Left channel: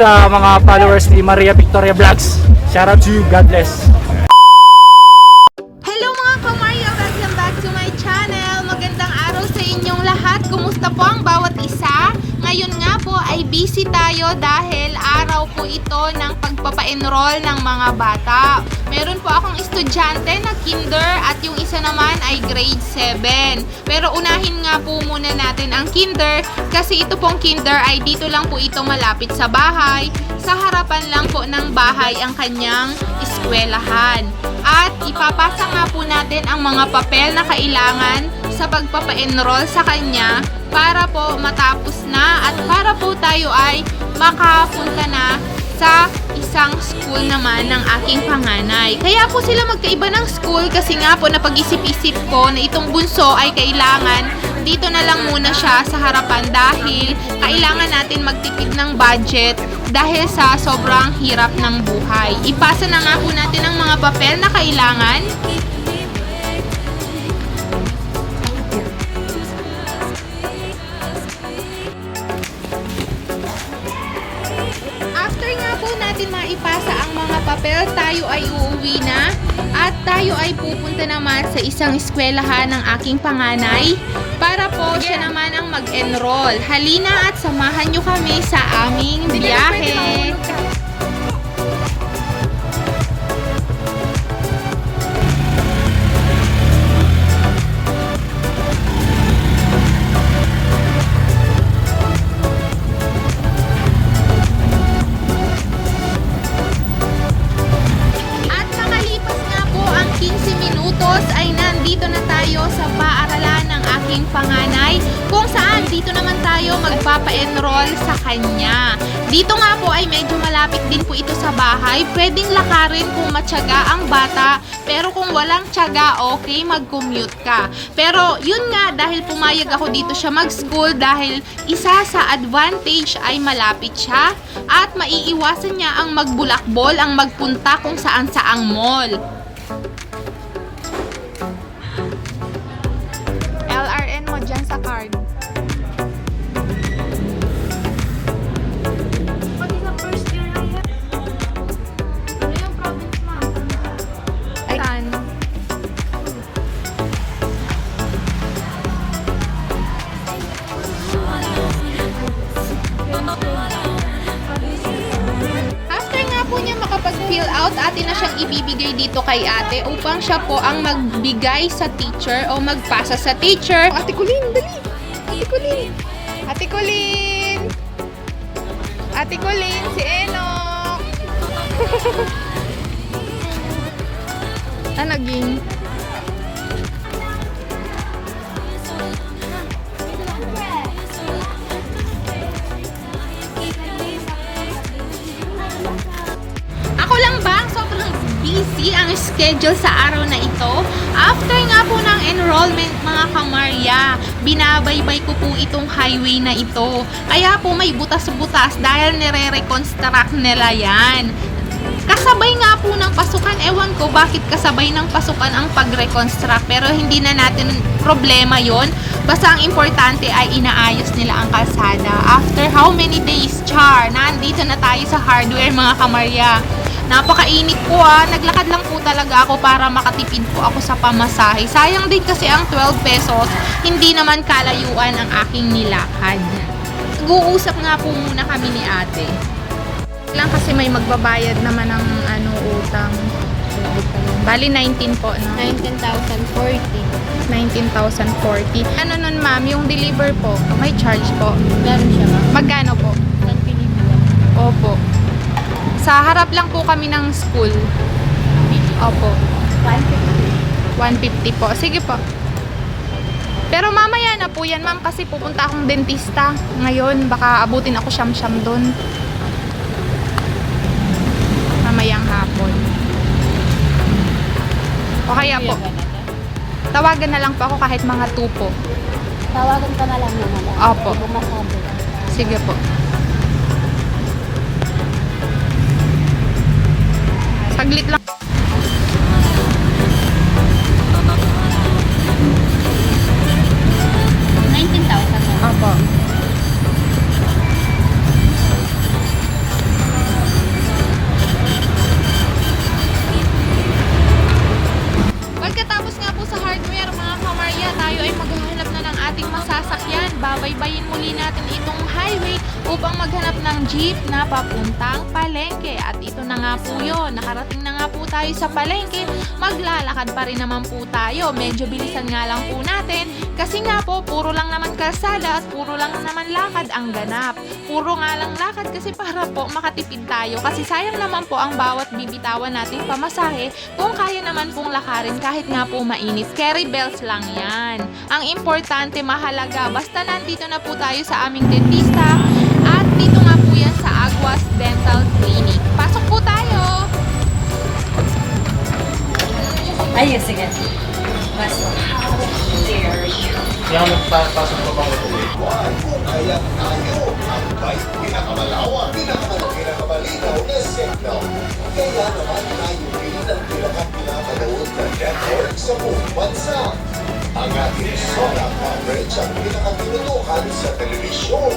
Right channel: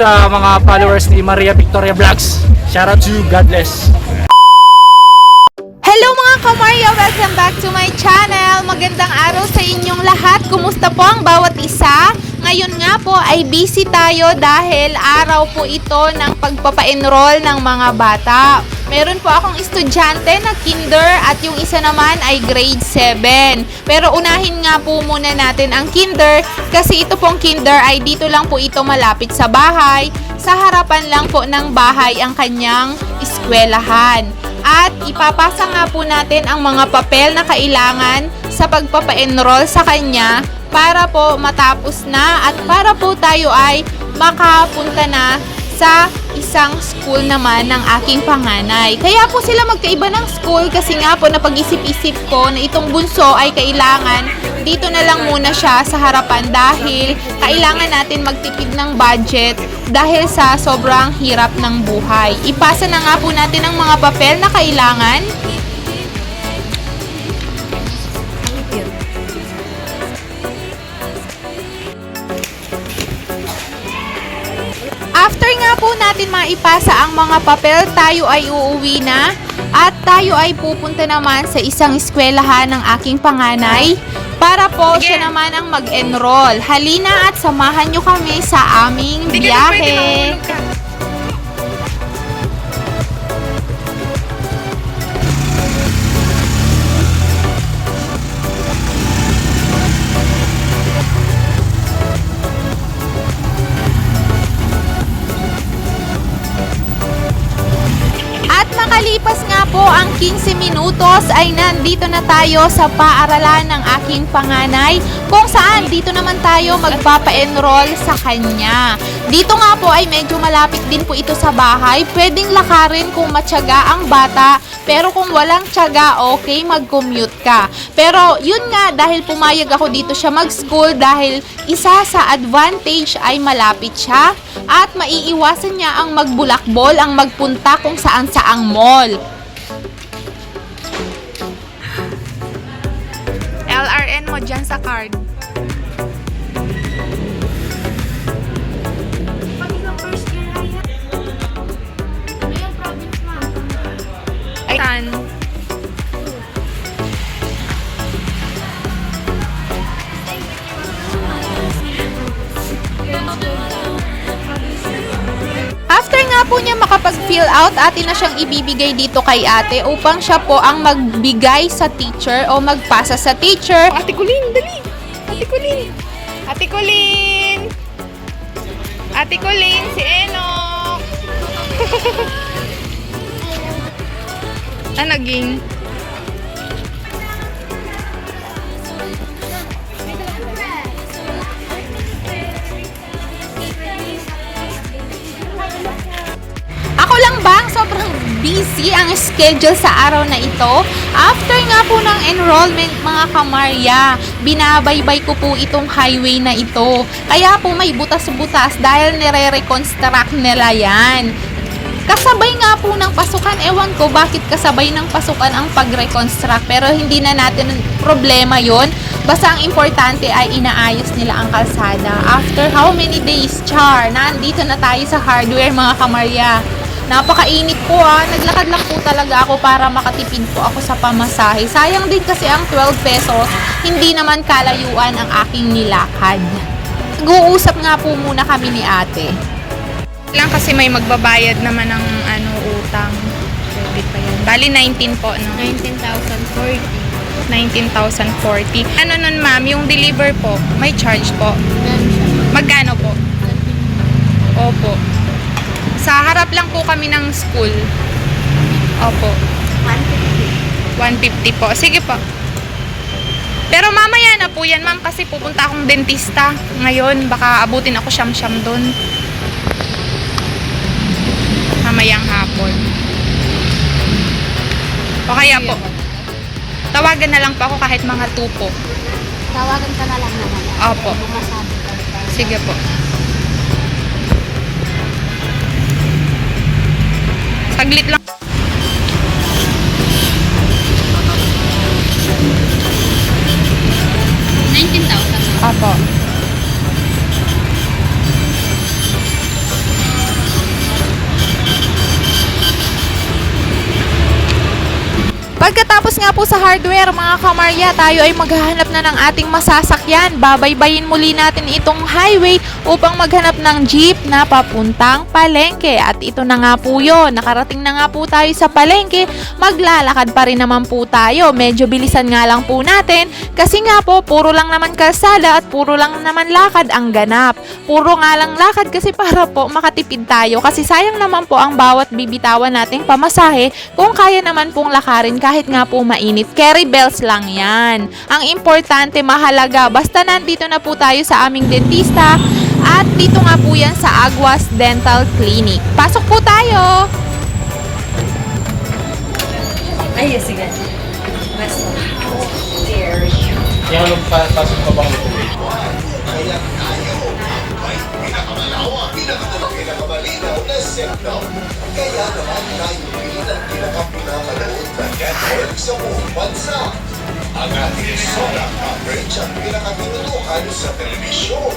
sa mga followers ni Maria Victoria Vlogs. Shout out to you. God bless. Hello mga kamarya! Welcome back to my channel! Magandang araw sa inyong lahat. Kumusta po ang bawat isa? Ngayon nga po ay busy tayo dahil araw po ito ng pagpapa-enroll ng mga bata. Meron po akong estudyante na kinder at yung isa naman ay grade 7. Pero unahin nga po muna natin ang kinder kasi ito pong kinder ay dito lang po ito malapit sa bahay. Sa harapan lang po ng bahay ang kanyang eskwelahan. At ipapasa nga po natin ang mga papel na kailangan sa pagpapa-enroll sa kanya para po matapos na at para po tayo ay makapunta na sa isang school naman ng aking panganay. Kaya po sila magkaiba ng school kasi nga po napag-isip-isip ko na itong bunso ay kailangan dito na lang muna siya sa harapan dahil kailangan natin magtipid ng budget dahil sa sobrang hirap ng buhay. Ipasa na nga po natin ang mga papel na kailangan. Natin maipasa ang mga papel, tayo ay uuwi na. At tayo ay pupunta naman sa isang eskwelahan ng aking panganay. Para po siya naman ang mag-enroll. Halina at samahan nyo kami sa aming biyahe. Tayo sa paaralan ng aking panganay kung saan dito naman tayo magpapa-enroll sa kanya. Dito nga po ay medyo malapit din po ito sa bahay. Pwedeng lakarin kung matyaga ang bata pero kung walang tiyaga, okay, mag-commute ka. Pero yun nga, dahil pumayag ako dito siya mag-school dahil isa sa advantage ay malapit siya at maiiwasan niya ang magbulakbol, ang magpunta kung saan saang mall. LRN mo dyan sa card. Siyang ibibigay dito kay ate upang siya po ang magbigay sa teacher o magpasa sa teacher. Ate Kulin, dali! Ate Kulin! Ate Kulin! Ate Kulin, si Enok! ah, naging? Busy ang schedule sa araw na ito? After nga po ng enrollment mga kamarya, binabaybay ko po itong highway na ito. Kaya po may butas-butas dahil nire-reconstruct nila yan. Kasabay nga po ng pasukan, ewan ko bakit kasabay ng pasukan ang pag-reconstruct pero hindi na natin problema yon. Basta ang importante ay inaayos nila ang kalsada. After how many days, Char? Nandito na tayo sa hardware mga kamarya. Napakainit po ah. Naglakad lang po talaga ako para makatipid po ako sa pamasahe. Sayang din kasi ang 12 pesos, hindi naman kalayuan ang aking nilakad. Nag-uusap nga po muna kami ni ate. Lang kasi may magbabayad naman ng ano utang. Debit pa yan. Bali 19 po, no? 19,040. 19,040. Ano nun ma'am, yung deliver po, may charge po. Ganun siya na. Magkano po? Opo. Sa harap lang po kami ng school. Opo. 150 po. Sige po. Pero mamaya na po yan, ma'am, kasi pupunta akong dentista ngayon. Baka abutin ako siyam-siyam doon. Mamayang hapon. O kaya po, tawagan na lang po ako kahit mga 2 po. Tawagan ka na lang naman. Opo. Ano? Sige po. Saglit lang. Po sa hardware mga kamarya, tayo ay maghahanap na ng ating masasakyan. Babaybayin muli natin itong highway upang maghanap ng jeep na papuntang palengke. At ito na nga po yun. Nakarating na nga po tayo sa palengke. Maglalakad pa rin naman po tayo. Medyo bilisan nga lang po natin. Kasi nga po, puro lang naman kalsada at puro lang naman lakad ang ganap. Puro nga lang lakad kasi para po makatipid tayo. Kasi sayang naman po ang bawat bibitawan nating pamasahe kung kaya naman pong lakarin kahit nga po mainit. Carry bells lang yan. Ang importante, mahalaga. Basta nandito na po tayo sa aming dentista at dito nga po yan sa Aguas Dental Clinic. Pasok po tayo! Ay, sige. Mas There. Yung magpapasok pa bang pinakamalinaw na signal. Kaya naman tayo sa buong bansa. Ang ating solar coverage ang pinakapinutukan sa telebisyon.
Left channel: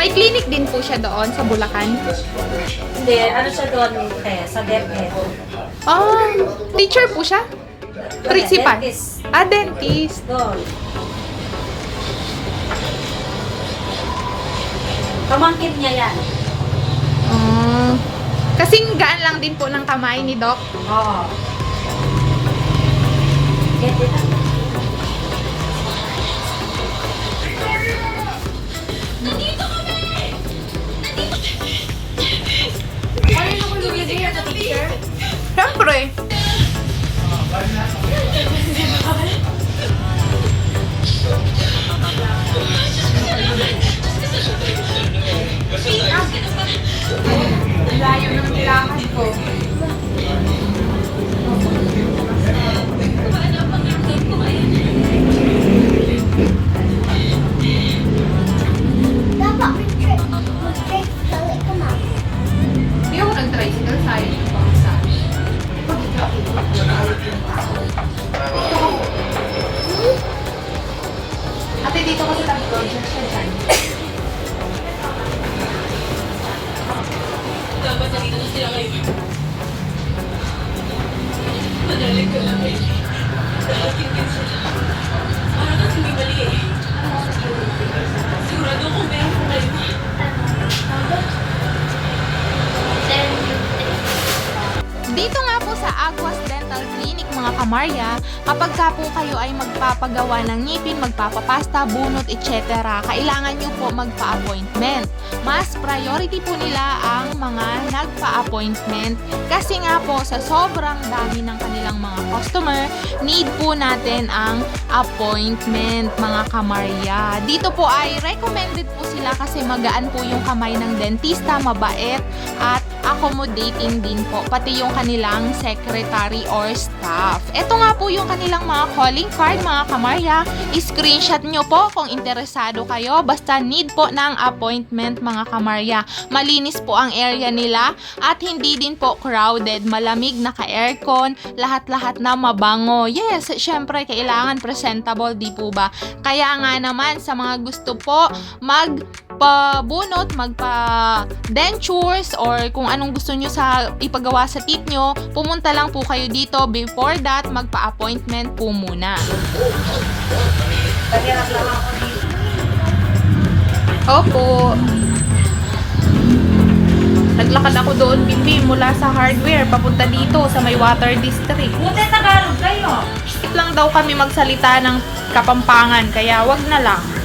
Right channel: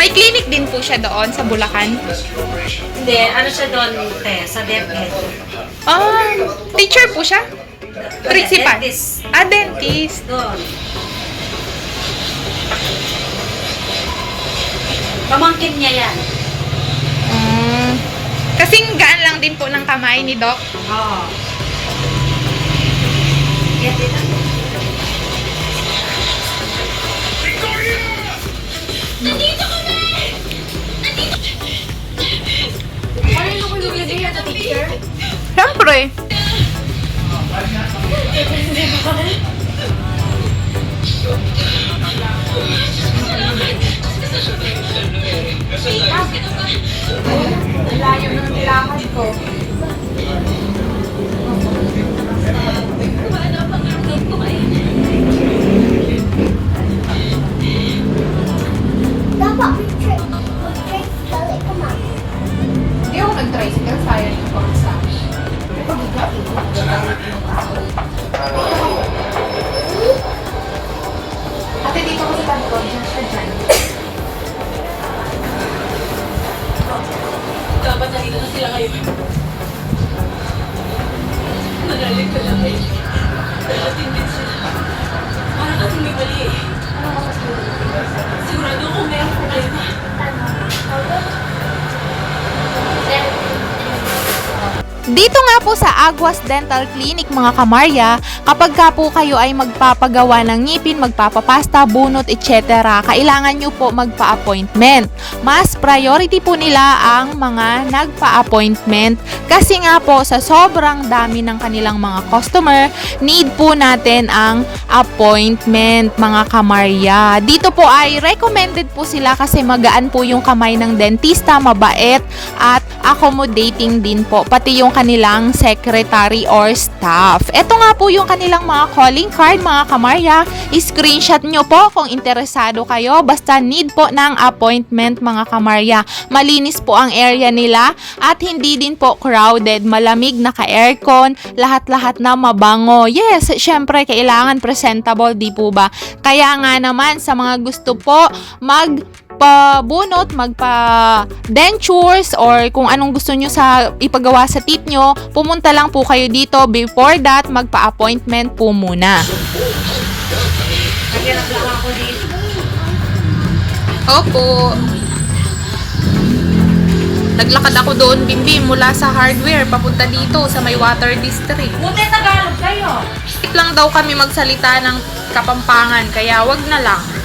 May clinic din po siya doon sa Bulacan. Hindi, ano siya doon, te, sa DepEd. Ah, teacher po siya? Principal? Dentist. Ah, dentist. Doon. Pamangkin niya yan. Kasing gaan lang din po ng kamay ni Doc. Oo. Get it? Ano ko yung video sa picture? Siyempre. Hindi Dito nga po sa Aguas Dental Clinic mga kamarya, kapag ka po kayo ay magpapagawa ng ngipin, magpapapasta, bunot, etc., kailangan nyo po magpa-appointment. Mas priority po nila ang mga nagpa-appointment kasi nga po sa sobrang dami ng kanilang mga customer, need po natin ang appointment mga kamarya. Dito po ay recommended po sila kasi magaan po yung kamay ng dentista, mabait at accommodating din po, pati yung kanilang secretary or staff. Ito nga po yung kanilang mga calling card, mga kamarya. Screenshot nyo po kung interesado kayo. Basta need po ng appointment, mga kamarya. Malinis po ang area nila at hindi din po crowded. Malamig, naka-aircon, lahat-lahat na mabango. Yes, syempre, kailangan presentable, di po ba? Kaya nga naman, sa mga gusto po mag magpabunot, magpa-dentures, or kung anong gusto nyo sa ipagawa sa teeth nyo, pumunta lang po kayo dito. Before that, magpa-appointment po muna. Opo. Naglakad ako doon, Bimbi, mula sa hardware, papunta dito sa may water district. Buti Tagalog kayo. It lang daw kami magsalita ng kapampangan, kaya wag na lang.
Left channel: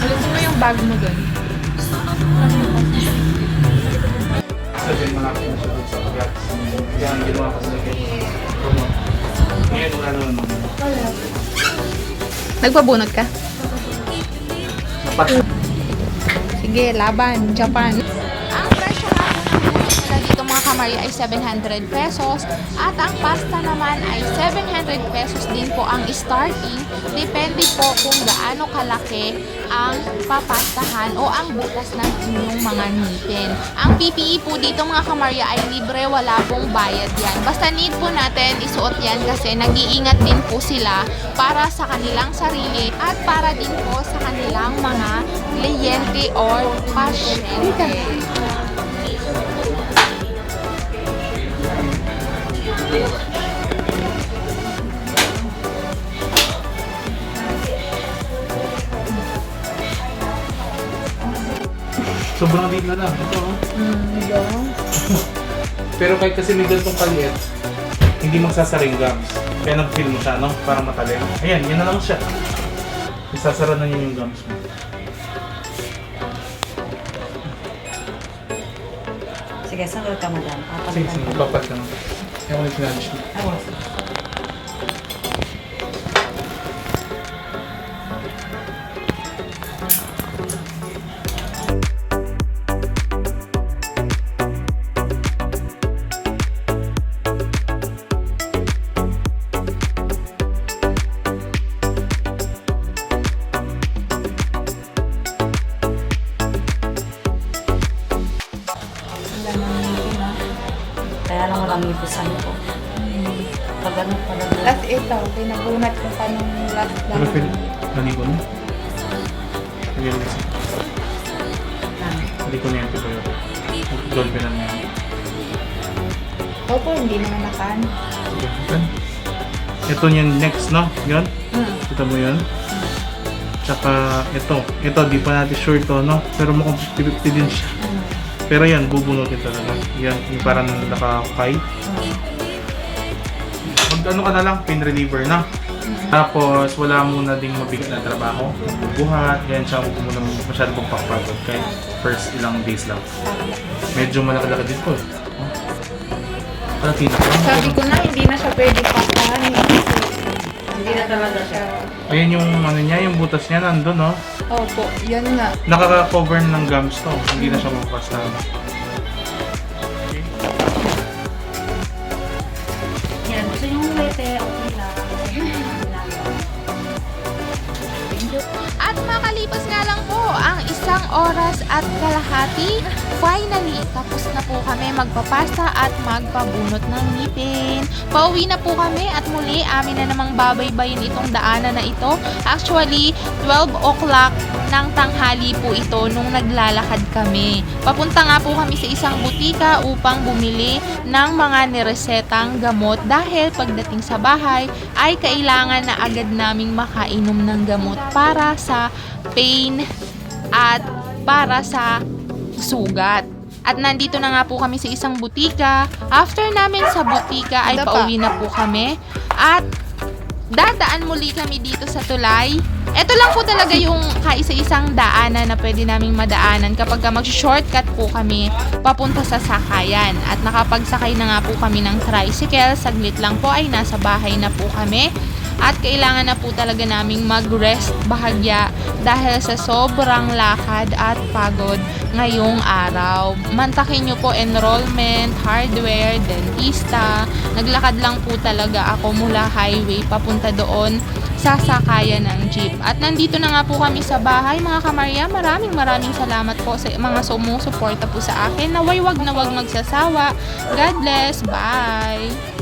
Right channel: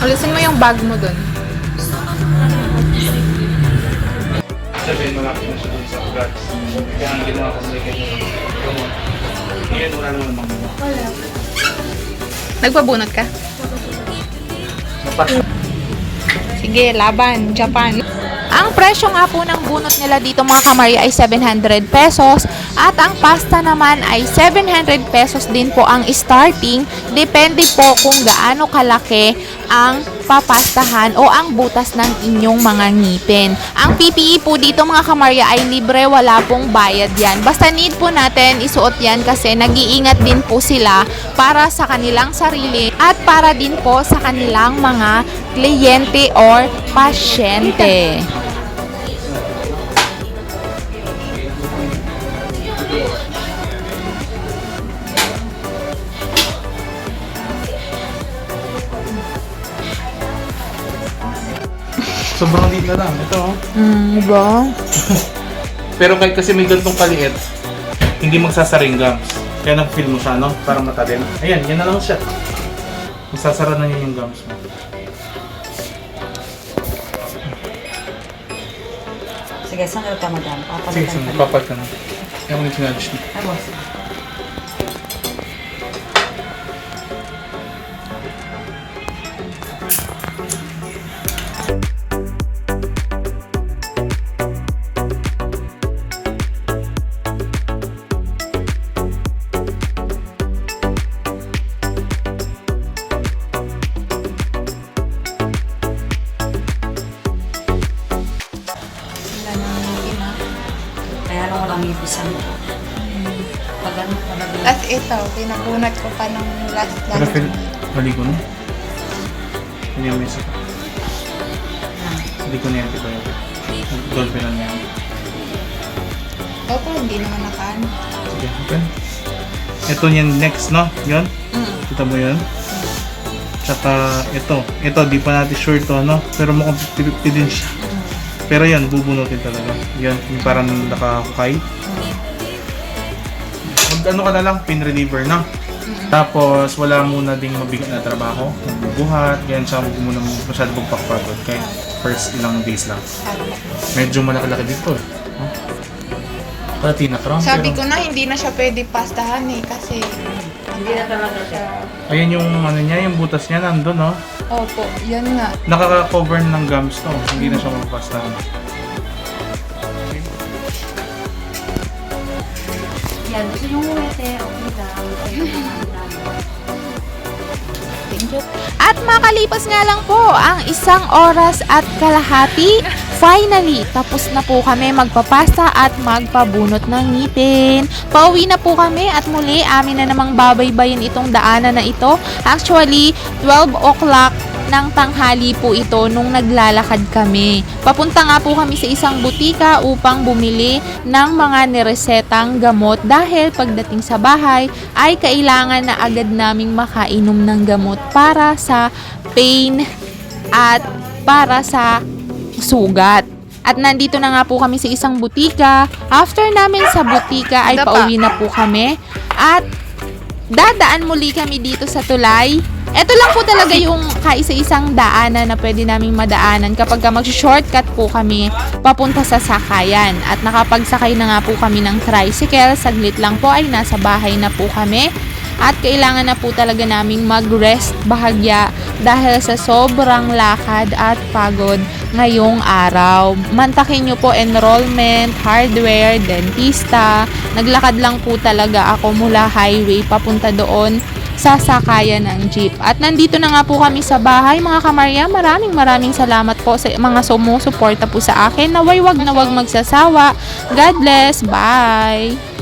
Ulisin mo yung bag mo dun. Sabihin mo natin siya dun sa drugs. Kaya ang ginawa kasi kay promote. Ngayon wala naman mga Nagpabunot ka? Sige, laban, Japan. Presyo nga po ng bunot nila dito mga kamarya ay 700 pesos at ang pasta naman ay 700 pesos din po ang starting. Depende po kung gaano kalaki ang papastahan o ang butas ng inyong mga ngipin. Ang PPE po dito mga kamarya ay libre, wala pong bayad yan. Basta need po natin isuot yan kasi nag-iingat din po sila para sa kanilang sarili at para din po sa kanilang mga kliyente or pasyente. Sobrang liit na lang. Ito, oh. Mm, ba? Pero kahit kasi may gantong kaliit, hindi magsasaring gums. Kaya nag-feel mo siya, no? Para matalim. Ayan, yan na naman siya. Isasara na niya yung gums mo. Sige, saan ka madam? Sige, sige, ka. papat ka na. Kaya mo nito natin siya. Ay, mo. Ipisan ko. Pag ano pa ba? At ito, pinabunat ko pa nung last Pero last feel, bali ko na. Hindi mo isa. Bali ko na yan, diba? Dolphin lang yan. Opo, hindi naman nakaan. Sige, okay. Ito yung next, no? Yan? Mm. Kita mo yan? Tsaka ito. Ito, di pa natin sure to, no? Pero mukhang pilit din siya. Pero yan, bubunutin talaga. Yan, yung parang nakakay. Mag ano ka na lang, pain reliever na. Tapos, wala muna ding mabigat na trabaho. Buhat, ganyan siya, huwag muna masyado magpapagod. Kaya first ilang days lang. Medyo malaki-laki dito eh. Kalatina pa. Sabi ko na, hindi na siya pwede pastahan eh. Kasi, Hindi na talaga siya. Ayan yung ano niya, yung butas niya nandun, no? Opo, yan nga. Nakaka-cover ng gums to. Hindi na siya mapapastahan. Yan, gusto yung wete, okay lang. At makalipas nga lang po ang isang oras at kalahati. Finally, tapos na po kami magpapasta at magpabunot ng ngipin. Pauwi na po kami at muli amin na namang babaybayin itong daanan na ito. Actually, 12 o'clock ng tanghali po ito nung naglalakad kami. Papunta nga po kami sa isang butika upang bumili ng mga niresetang gamot dahil pagdating sa bahay ay kailangan na agad naming makainom ng gamot para sa pain at para sa sugat. At nandito na nga po kami sa isang butika. After namin sa butika ay pauwi na po kami. At dadaan muli kami dito sa tulay. Ito lang po talaga yung kaisa-isang daanan na pwede naming madaanan kapag ka mag-shortcut po kami papunta sa sakayan. At nakapagsakay na nga po kami ng tricycle. Saglit lang po ay nasa bahay na po kami. At kailangan na po talaga naming mag-rest bahagya dahil sa sobrang lakad at pagod ngayong araw. Mantakin nyo po enrollment, hardware, dentista. Naglakad lang po talaga ako mula highway papunta doon sa sakayan ng jeep. At nandito na nga po kami sa bahay mga kamarya. Maraming maraming salamat po sa mga sumusuporta po sa akin. Naway wag na wag magsasawa. God bless. Bye!